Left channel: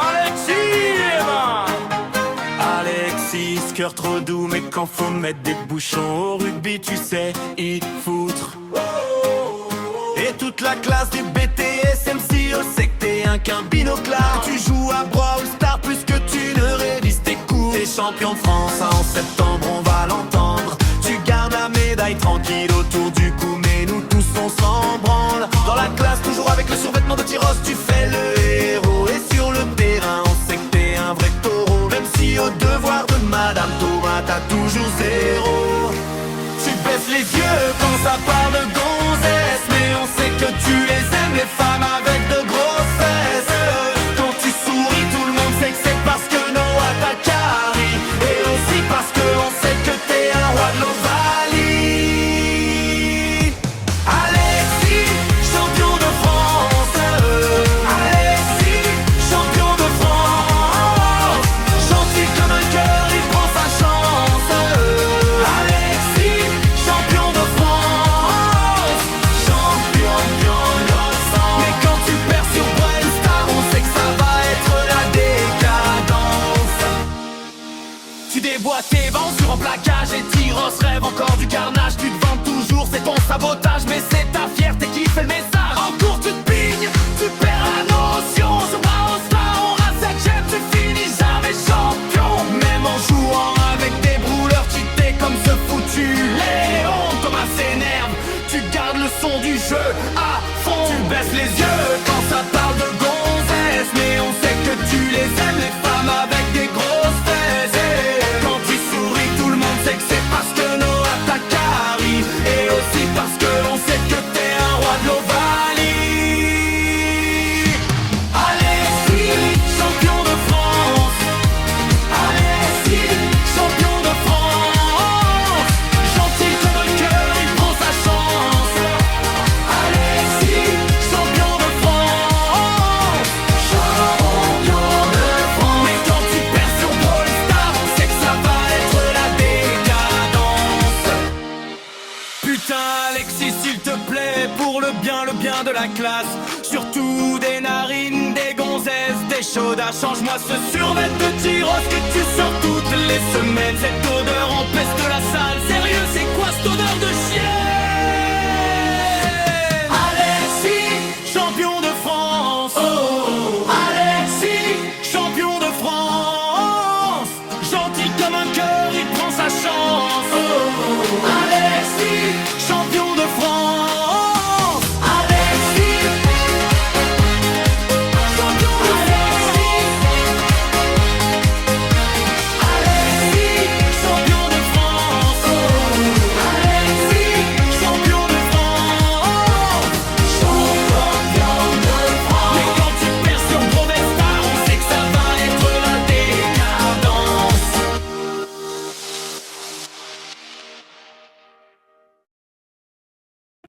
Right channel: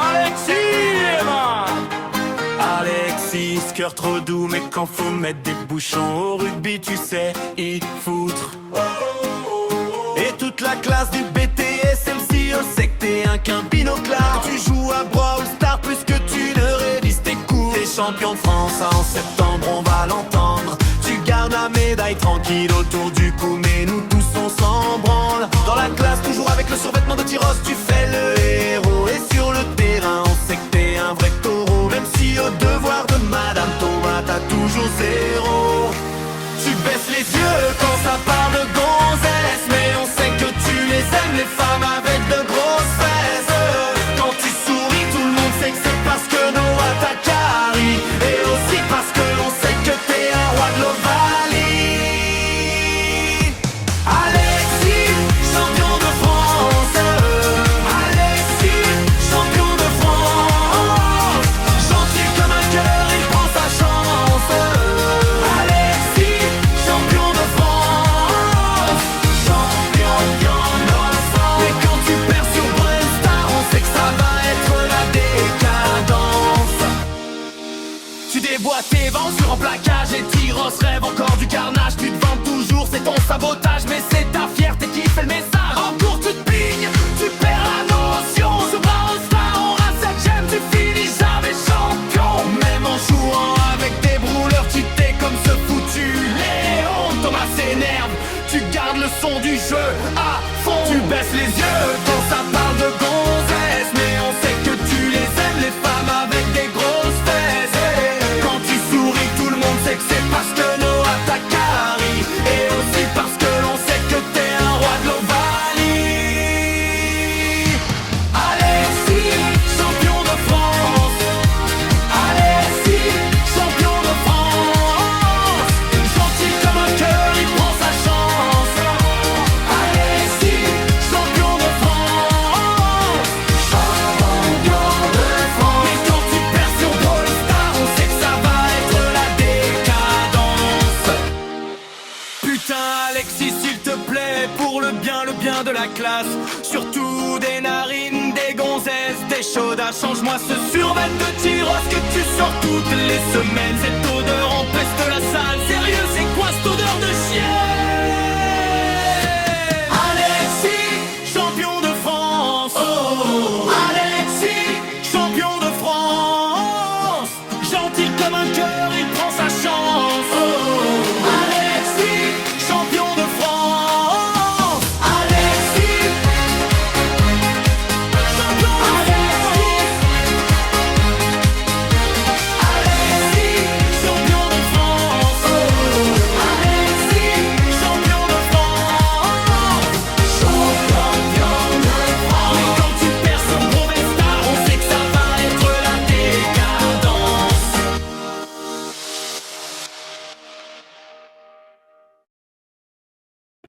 Alexis, Alexis, ce cœur trop doux, mais quand faut mettre des bouchons au rugby, tu sais y foutre. Et toute la classe du BTS MCO sait que t'es un binoclard. Tu joues à Brawl Stars plus que tu ne révises tes cours. T'es champion de France en septembre, on va l'entendre. Tu gardes la médaille tranquille autour du cou, mais nous tous on s'en branle. Dans la classe, toujours avec le survêtement de Tyros, tu fais le héros. Et sur le terrain, on sait que t'es un vrai taureau. Même si au devoir de Madame Thomas, t'as toujours zéro. Tu baisses les yeux quand ça parle de gonzesse, mais on sait que tu les aimes, les femmes avec de grosses fesses. Quand tu souris, tout le monde sait que c'est parce que Noah t'a carré. Et aussi parce que l'on sait que t'es un roi de l'Ovalie. Alexis, champion de France. Alexis, champion de France. Gentil comme un cœur, il prend sa chance. Alexis, champion de France. Champion de l'ensemble. Mais quand tu perds sur Brawl Stars, on sait que ça va être la décadence. Tu déboîtes tes vents sur un plaquage, les Tyros rêvent encore du carnage. Tu te vantes toujours, c'est ton sabotage, mais c'est ta fierté qui fait le message. En cours tu te pignes, tu perds la notion. Sur Brawl Stars, on rase sa gemme, tu finis jamais champion. Même en jouant avec des brûleurs, tu t'es comme ce foutu Léon. Thomas s'énerve, tu gardes le son du jeu à fond. Tu baisses les yeux quand ça parle de gonzesse, mais on sait que tu les aimes, les femmes avec des grosses fesses. Quand tu souris, tout le monde sait que c'est parce que Noah t'a carré. Et aussi parce que l'on sait que t'es un roi de l'Ovalie. Alexis, champion de France. Alexis, champion de France. Gentil comme un cœur, il prend sa chance. Alexis, champion de France. Champion de France. Mais quand tu perds sur Brawl Stars, on sait que ça va être la décadence. Putain Alexis, s'il te plaît, pour le bien de la classe, surtout des narines, des gonzesses, des chaudas, change-moi ce survêt de Tyros que tu sors toutes les semaines. Cette odeur empeste la salle, sérieux c'est quoi cette odeur de chienne? Alexis, champion de France. Alexis, champion de France. Gentil comme un cœur, il prend sa chance.